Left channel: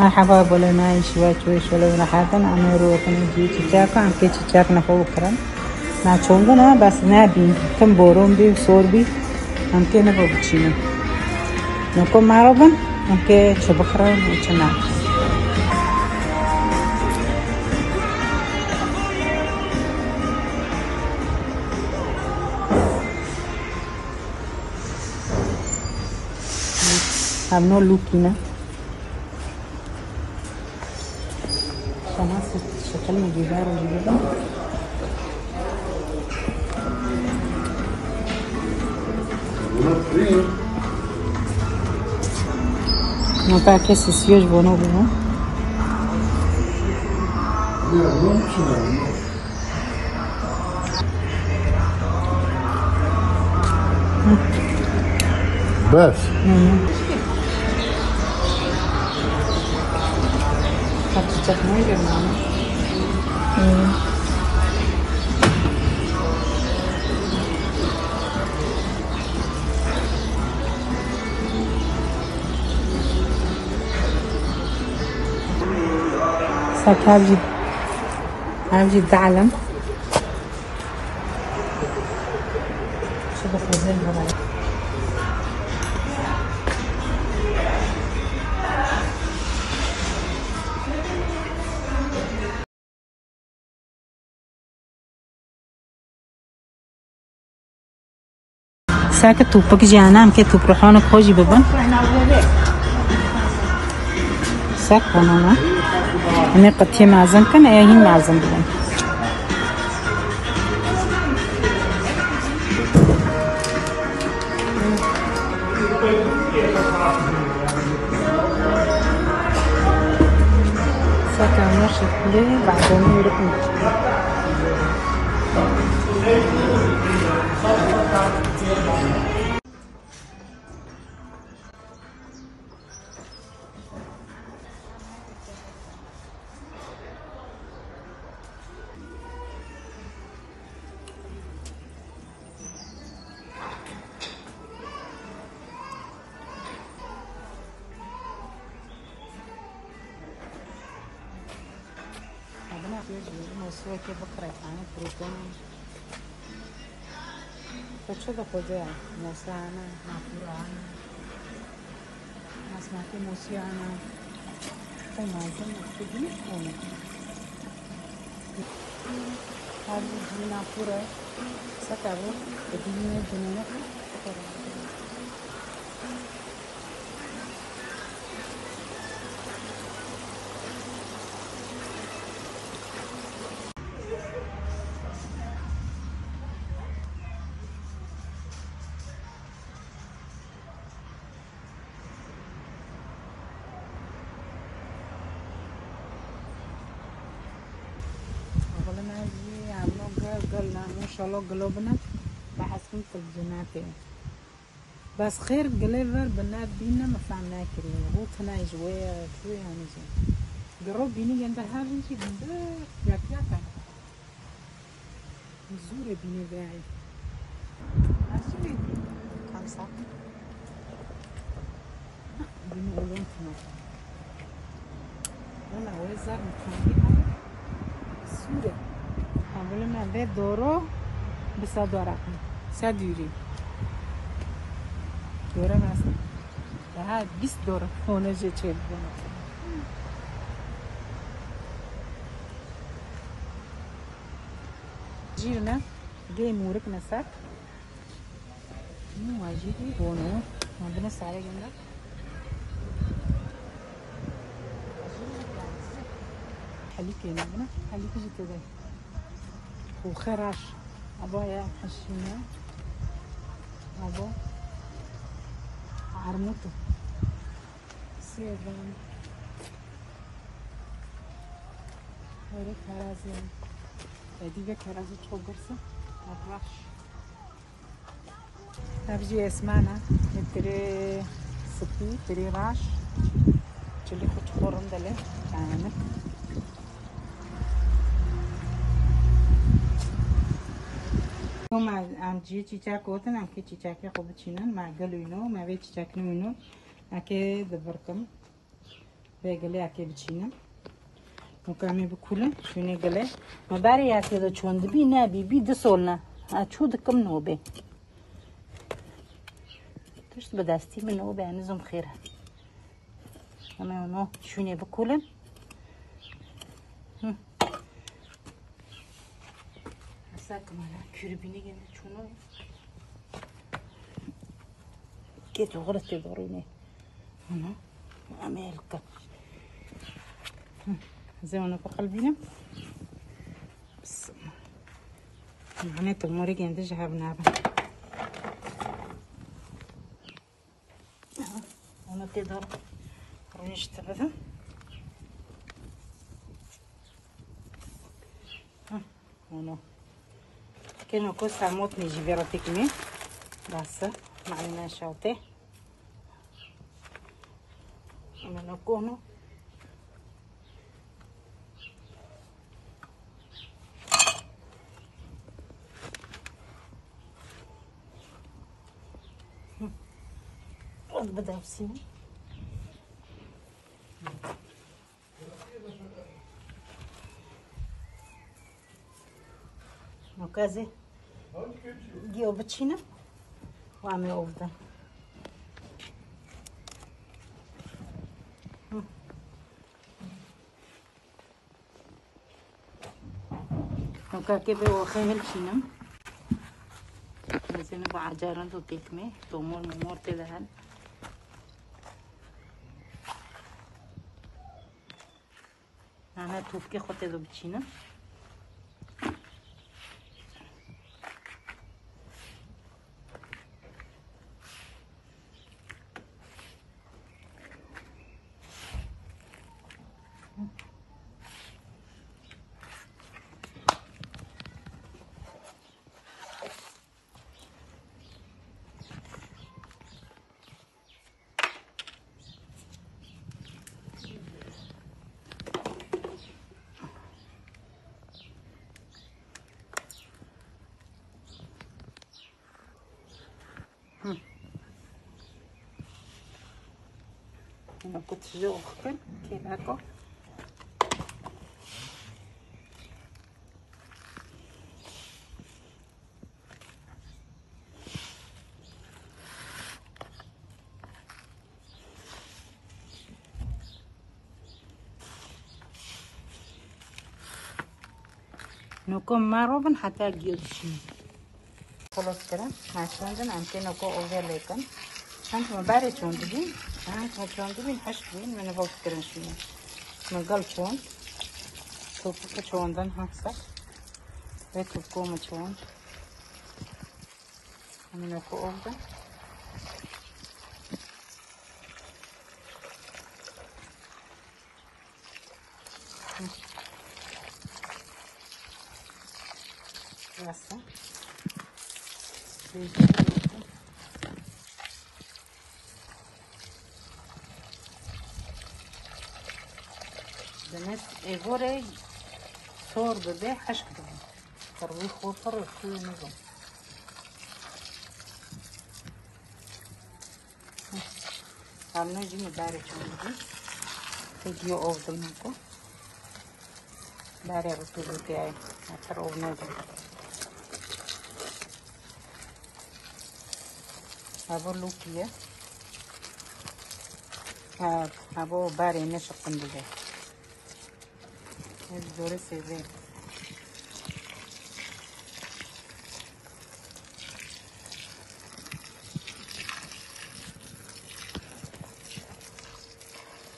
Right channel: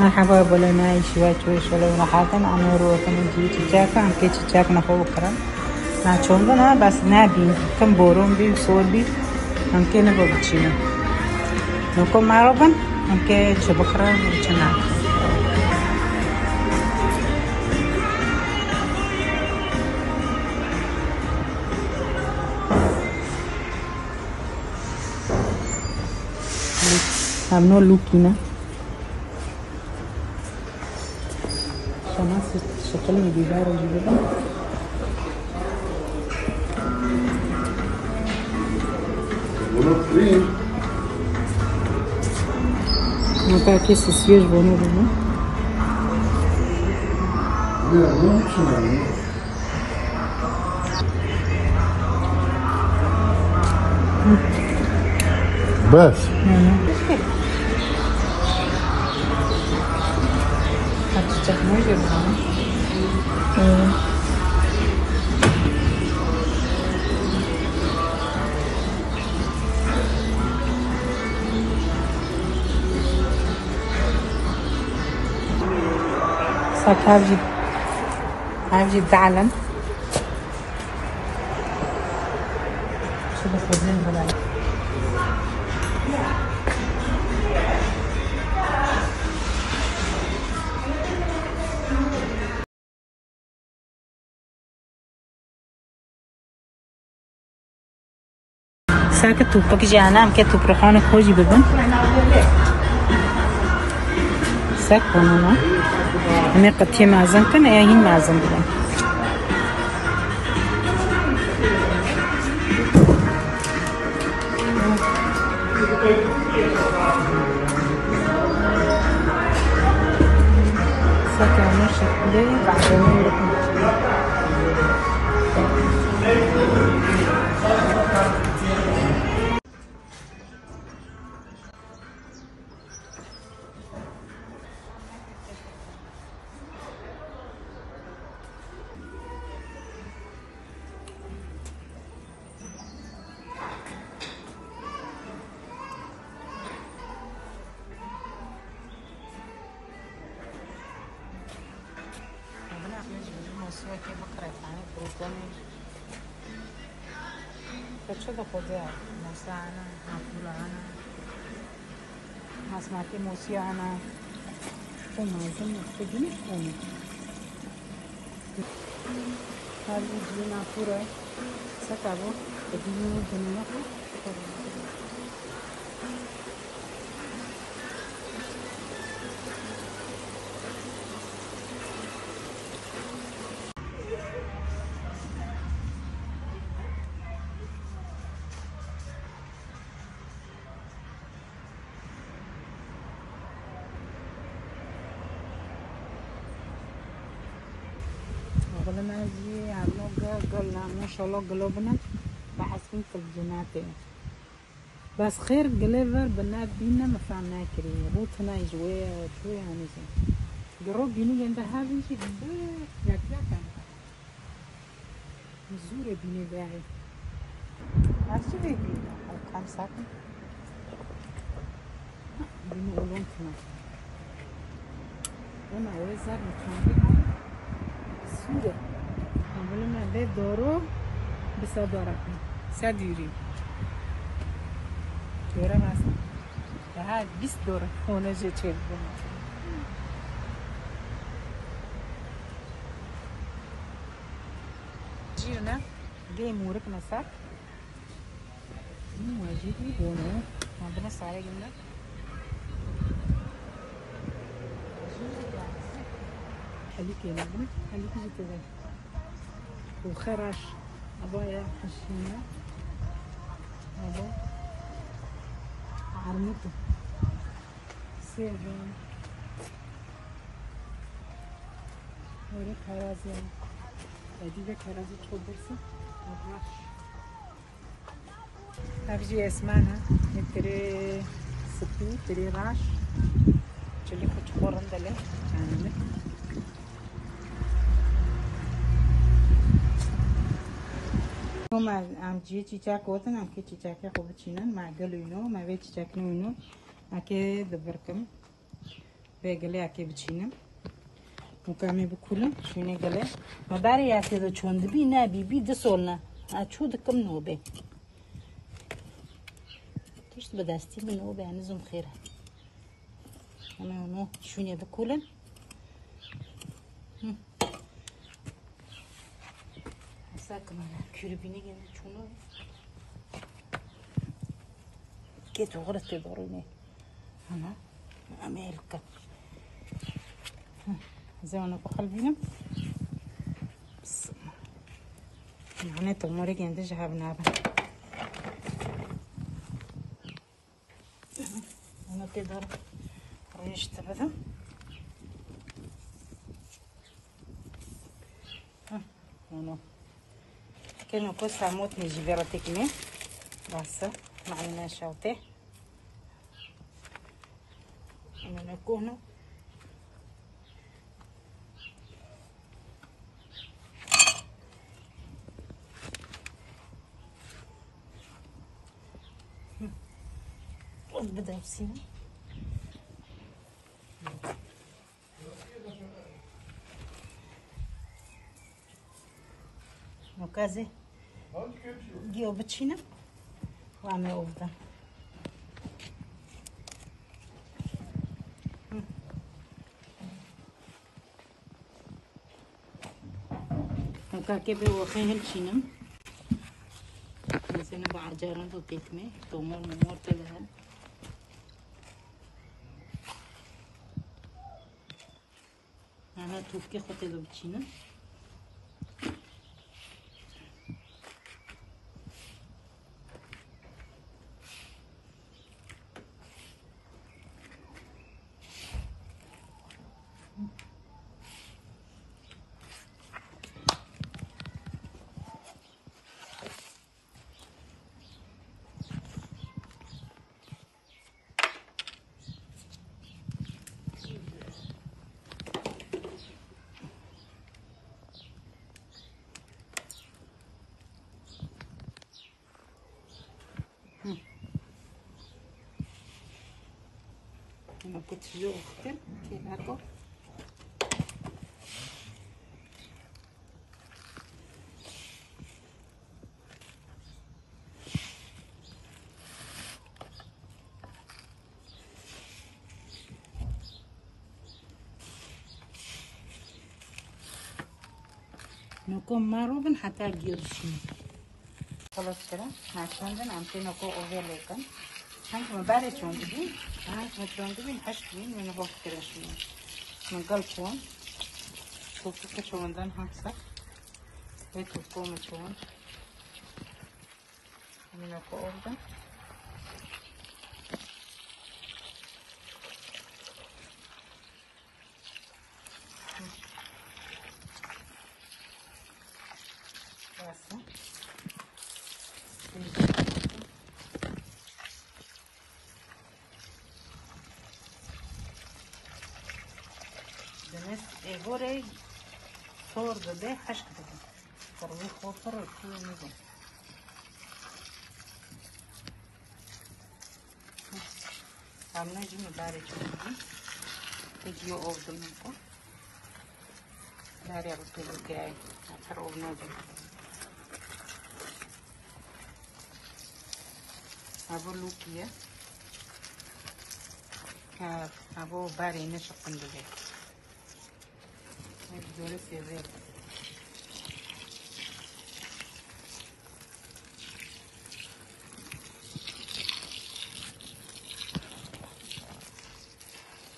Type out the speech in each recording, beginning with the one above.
مرحبا بولنا شوي شوي شلون راحتنا أنا روحي جي تجاكا أم كي تجاك نفو خرم ناچونغنا بس نبي كم بورون بي صور بي أم كي نبغى بتشيني نكون معروفن أم كي شبخرا بتشنا I'm not looking. شكلني جدار جدا Acá que se siege bueno, ¿no? بس هاجي تعلم ساكت توبك جانا انك تبرحون خوجي بابا ساكونا أنا قتي معزم كان أيه معزم ساكن مرشد لي بعدين يركن Aqui vou colocar, deixa eu fazer nossa fulana, nossa maquinaciana, tem mais tudo de natura, se acabou, eu tinha de novo. قلنا ما شاء الله قلوبنا بحسن في الجنات بس خير قليفر بنات بينا ما فعلنا كري روتنا جوية وشوية ونزل قرب بيني عند هذا شيء يا كذا زورة بيني داعي عارفين كم ساعة بيني أولون كنا أنا وزار متخانقين زورة عملنا به دورو بسا دوركم سا دیری دوره مثلا ها 20 دوره خونه جو چه بگم جیو نه گه مورک نسک این واجبی بونه مدن سعی کنه حلی کنه نه حلی کجی کده وخرش أبايا حشينا أبا عرموته سير هري كرازي أديك كرازي تخبرسه أبغاش هرجي اسمعنا نبتدي سبي تري راش تلي كتخورن دلهم كاننا ما ام جي چیچاک होतन आके चिचाके खूब चिनन मागल विनो मावे चिचाकनी विनो आके दबरकम بقلي أكيد بتشينم وكامي بكله شوني قلي ما بعرف أكيد شو عند بي نبي بي دسولنا أشو دكم نوبة تشت بداستي من نوبة نزم خيرها أنا هنا شوني بكله أساك مالا كيربيني جنة شونو كيت غلطي باروني هنا أمريكا زي ما نقول قلبينا بس البنات الموري جنده جهاب نابا أنا تقدر ريش تبدأ هنا كانوا كوس عموت نيجي فيراتيك مي بس معنا شاطئ أنا نكونه بدأ يفسيني وكذا جيو بتشينا وعمي أفضل وكاكي بوخيل شينا مثلا بعجارن تو تكمي تومور مور تدهن أنا توفكي خطي دو بتشينا أنا كنت جو أختم كيلاكو نكون معروفن حتى جيوشين خلاص كده عشان عندنا نكون أوفر لكم أنت مبارك شوندين أنت مشوندين حشوين من فوق كده شوين نقل شون شوف شوندن هكذا بيتكم شون من نكون أوفر ياسا بنس إيجوري صور بدي حشك بدي تروي خوفر وخوي نزل عمنا جيني داري شوندين تيجيو أوفر نكو داري أوتو تاعي أتروي نزل هذا لوكية هذا باري نشق بده الدوري سيزين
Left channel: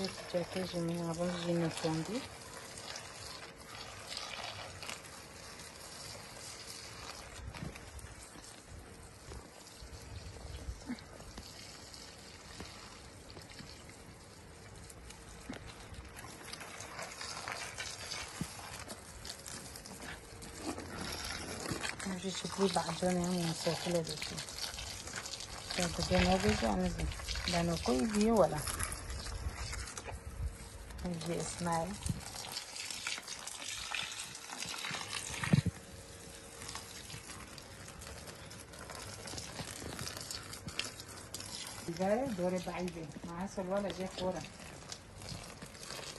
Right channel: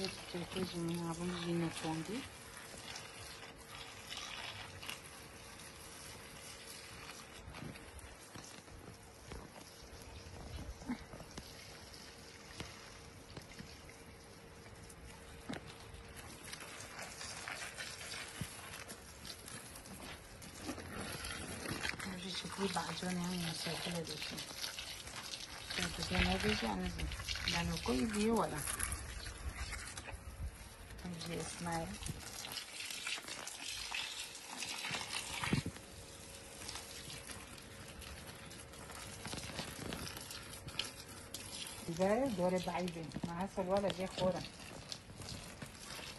نتجهز من الرجل نتوندي شكلي بعجاني مسافلة بشي كنت جنابي عمزي لأنه كل دي ولا نجي إسماعيل جاي دوري بعيدة مع هسه الولد جاي فورا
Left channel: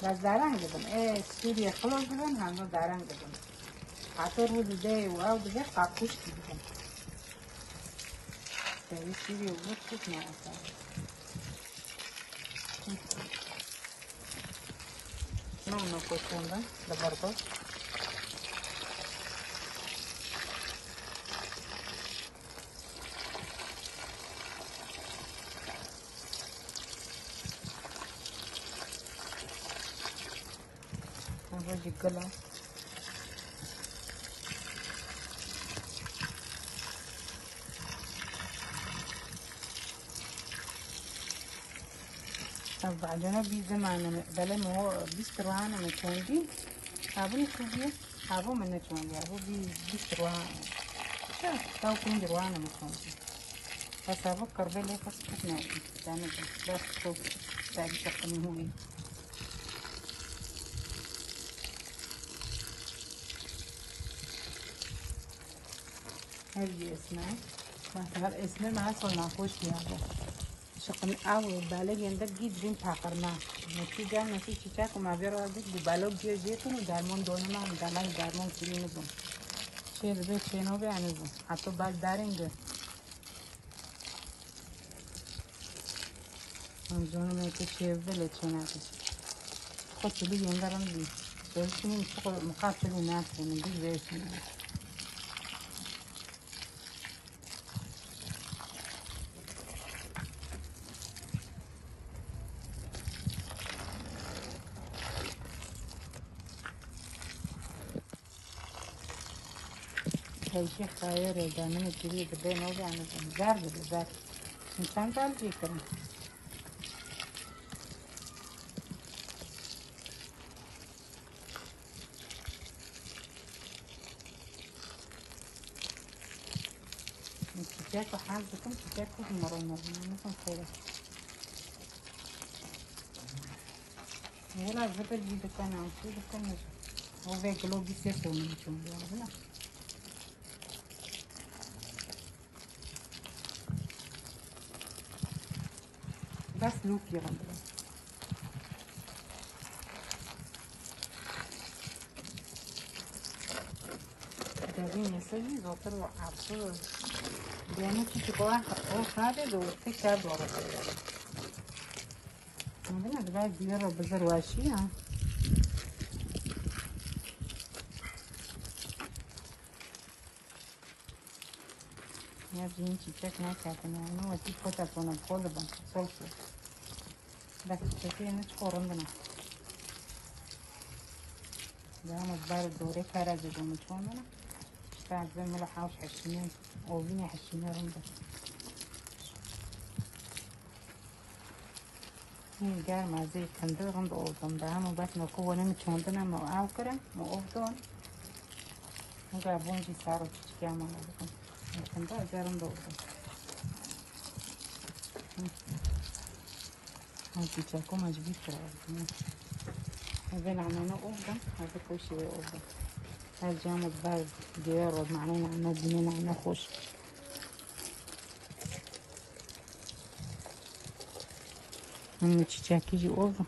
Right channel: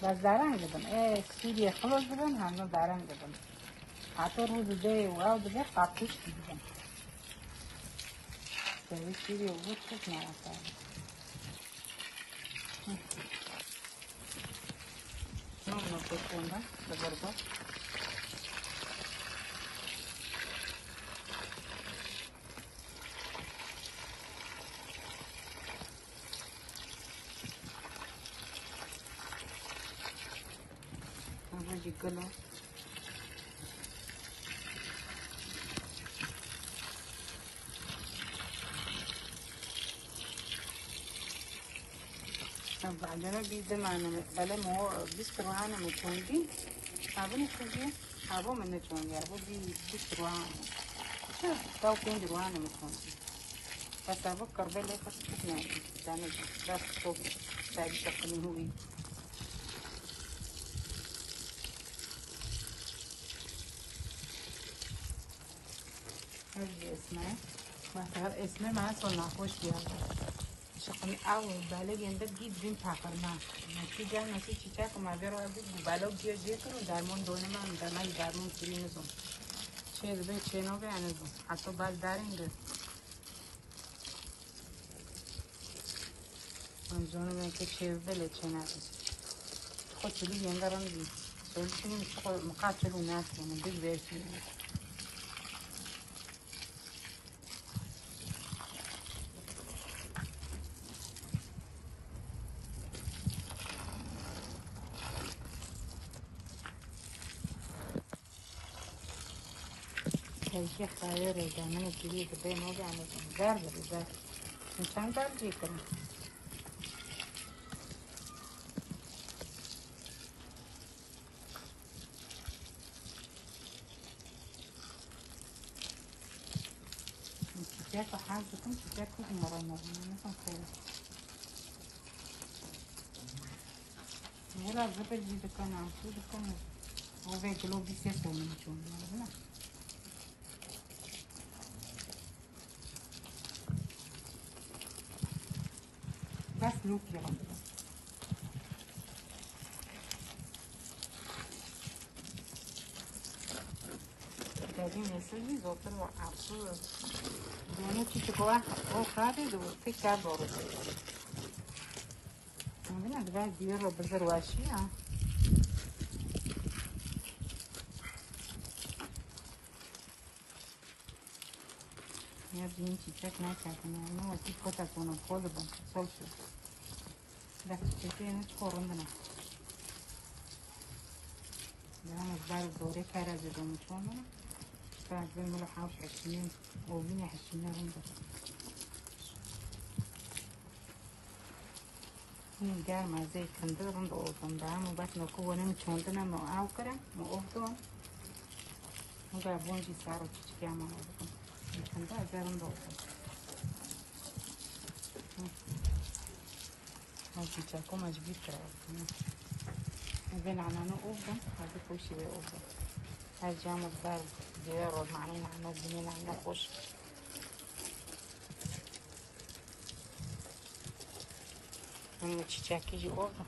بس دارن بدن سوريا خلاص بدن همه دارن بدن حتی رو ده و آو ده قطعش بدن سوريا بود خود نرسن نه نکت کندن ببرده Vou calar. بعدين بيزن عن بلا ما هو بيستروهان من كوندي أبون كوندي أبون من كوندي أبون بيستروهان شو تاو كوندي روهان من كوندي بس أبون كربلة بس كتير يعني بس كوب تابي تكمل هوي هذي اسمه مثلا اسمه ما صار معفوش يلا شكل أول بالغ عندك جيد بين تاكرنا نتيجة نتيجة شيء ما بيرو عندك بالغ جي كنا دائما دوننا دائما دائما كلي مزون شيء بدو شيء نوبي عنيزو أتو بعد دارينجه مزون نيجي شيء زي لتشوناته كتبي ينقرني بس من شو مقاتل الناس من دي بيسنا هالشي خير ودائما كذي بدين وجع أنا بزار بزار إنسان تعرف يكره كتاك وحاسبكم كتاك مرة مثلا كذا هنا الفترة دي بكان عن شو بكان هو زي قلوب بيسيسو من شو بيعملنا بس لوك يغمر جاوين يسوي زوتر وعبسو يعني تشكوها وخارج وفي كاد ورا عندنا بقى بيرة بزر واشي يا بنتي تشك ما كاتنا أنا وتي كتا كنا كلنا سولفو ده تشكي نشكر عندنا ده أنا بار دوري خارج جون شلون بعد زي ما لحاف حشمين أو بيني حشمين عندنا هي جاي مع زي كندور عند أوضن ده أنا ده نكون نمشي عندنا مؤاخرة مؤخرا هذا بونجي صاروا تشجع مع أوضن كندور جاي عند أوضن هذي تكون مجبيت كده هذا عملنا أوضن هذا كل شيء أوضن الجانب هذا ديارو معنانا أنه بنينا عنا خوش أنا تشاكي جي أوضو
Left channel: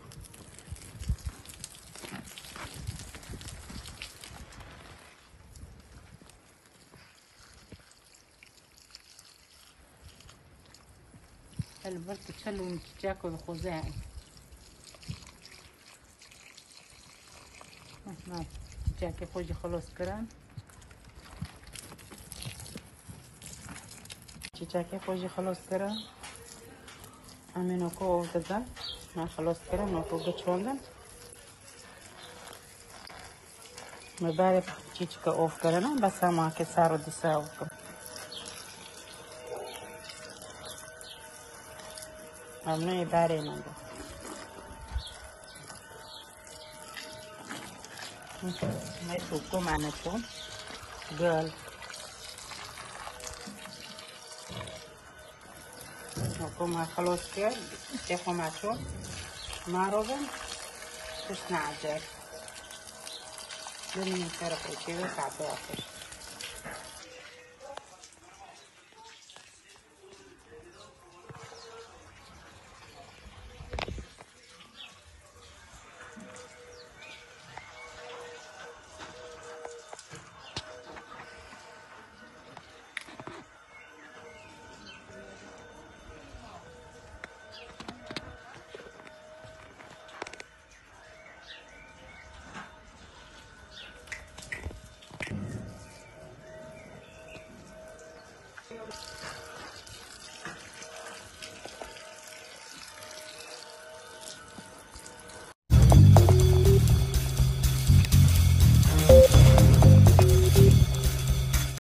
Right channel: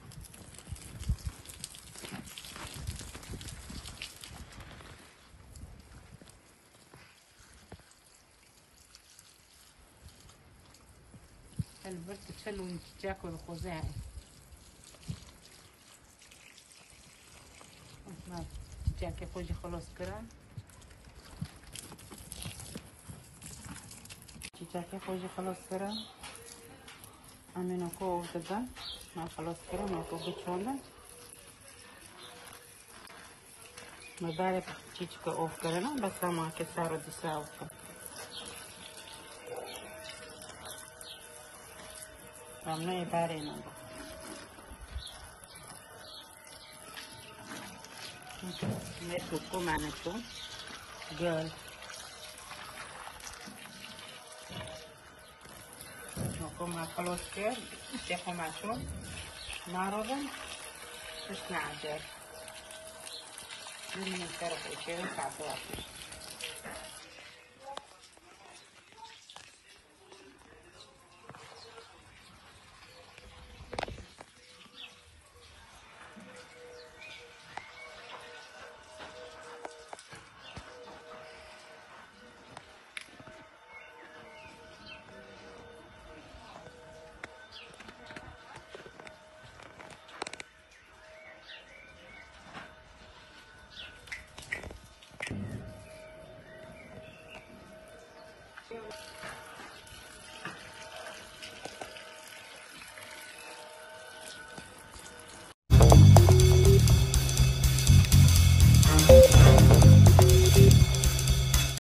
البرد تشلو من تشاكو الخزاعي تشاكي خوجي خلص كران تشاكي خوجي خلص كران أمينو كو أوفدان ما خلص كران ما فوق شوانا ما بعرف تشيكا أوف كران بس ما كسارو دي ساوكو أنا يداري من ده ما تشوفوا معنا شو جال نقوم خلاص كده نشوفوا مع شو ما ربو تسمع عجل لما نكرر كده ساعتين